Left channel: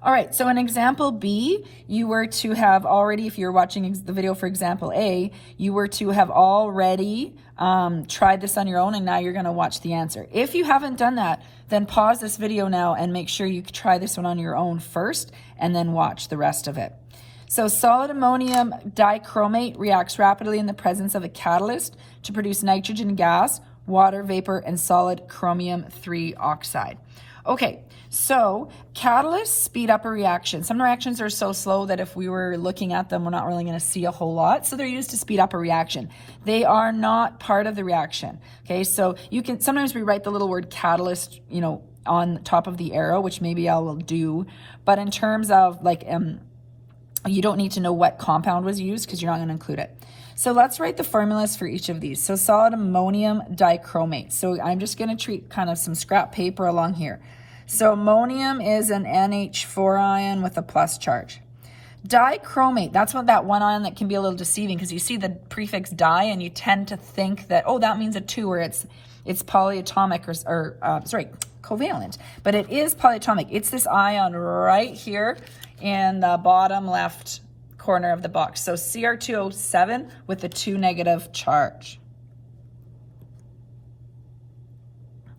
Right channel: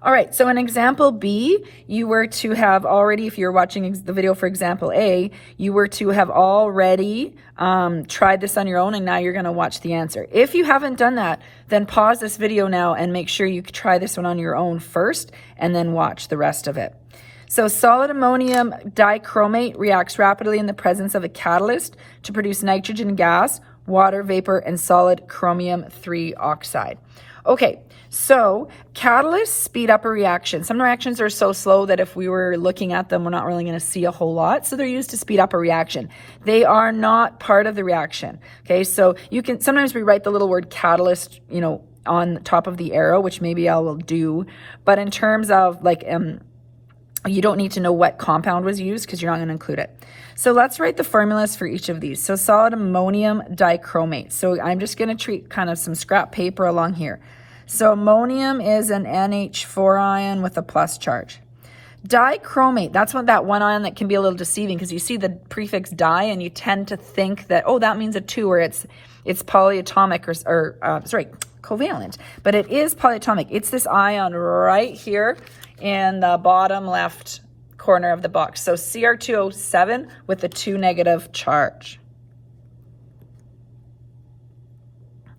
All right, so in example B, you were to have already, if you're watching the video for example A, you were to have already tried this on your own, and now you're gonna watch the answer. If you haven't done that, then pause this video now and make sure you try this one on your own first, and then watch the rest of it. So solid ammonium dichromate reacts rapidly in the presence of a catalyst to produce nitrogen gas, water vapor, and solid chromium 3 oxide. Okay, so catalysts speed up a reaction. Some reactions are so slow that if we were looking at them, we're not really going to see a whole lot. So they're used to speed up a reaction. They are not part of the reaction. Okay, so you can sometimes we write the little word catalyst, you know, on top of the arrow, which maybe I will do. But in terms of like, you don't need to know what compound was used because you're not going to include it. So let's write the formulas for each of these. So solid ammonium dichromate. So I'm just going to treat kind of some scrap paper along here. So ammonium is an NH4 ion with a plus charge. Dichromate, that's what that one ion that can be a little deceiving because you see the prefix di and you tend to think that, oh, that means a 2 or it's polyatomic or covalent. But it is polyatomic. It's this ion right here in the bottom left corner of the box. So Cr2O7 with a 2 negative charge.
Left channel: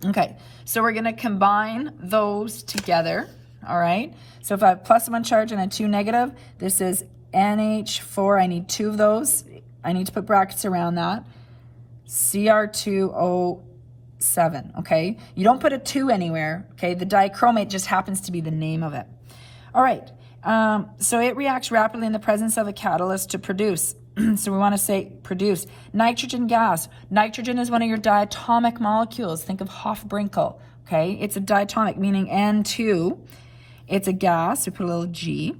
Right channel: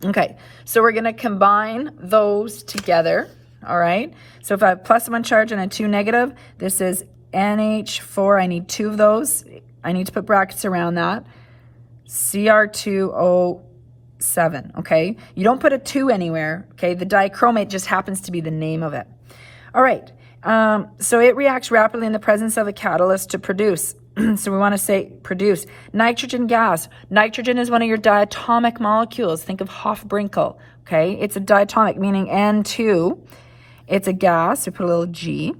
Okay, so we're going to combine those together, all right? So if I have plus 1 charge and a 2 negative, this is NH4. I need 2 of those. I need to put brackets around that. Cr2O7, okay? You don't put a 2 anywhere, okay? The dichromate just happens to be the name of it. All right, so it reacts rapidly in the presence of a catalyst to produce. So we want to say produce nitrogen gas. Nitrogen is one of your diatomic molecules. Think of Hofbrinkel, okay? It's a diatomic, meaning N2. It's a gas, so put a little G,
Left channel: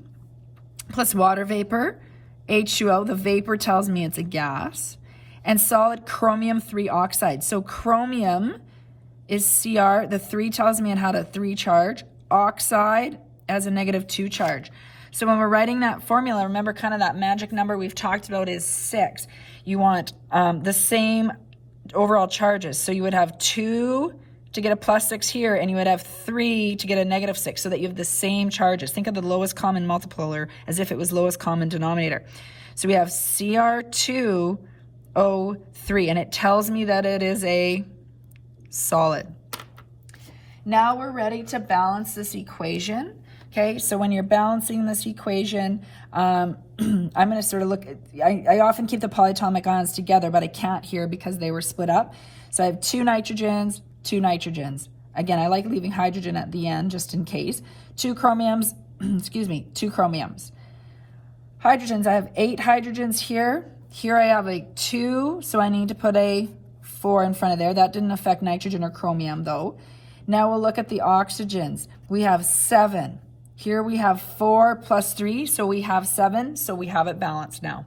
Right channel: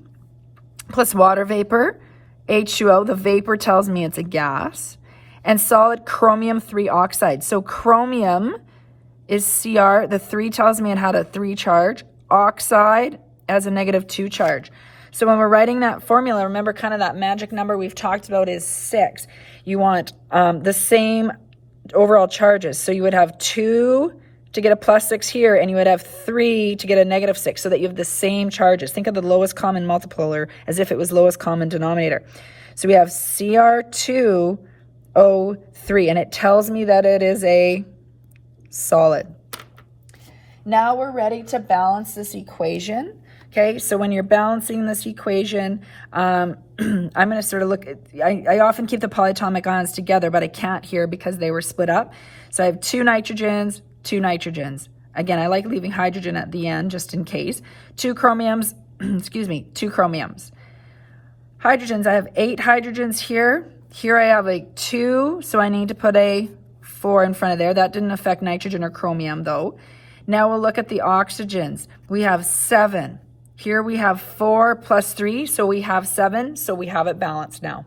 plus water vapor, H2O. The vapor tells me it's a gas. And solid chromium 3 oxide. So chromium is Cr. The 3 tells me it had a 3 charge. Oxide has a negative 2 charge. So when we're writing that formula, remember kind of that magic number we've talked about is 6. You want the same overall charges. So you would have 2 to get a plus 6 here, and you would have 3 to get a negative 6 so that you have the same charges. Think of the lowest common multiplier as if it was lowest common denominator. So we have Cr2O3, and it tells me that it is a solid. Now we're ready to balance this equation. Okay, so when you're balancing this equation, I'm going to sort of look at, I often keep the polyatomic ions together, but I can't here because they were split up. So I have 2 nitrogens, 2 nitrogens. Again, I like leaving hydrogen at the end just in case. 2 chromiums, excuse me, 2 chromiums. Hydrogens, I have 8 hydrogens here. Here I have a 2, so I need to put a 4 in front of there. That didn't affect nitrogen or chromium though. Now we'll look at the oxygens. We have 7. Here we have 4 plus 3, so we have 7, so we have it balanced now.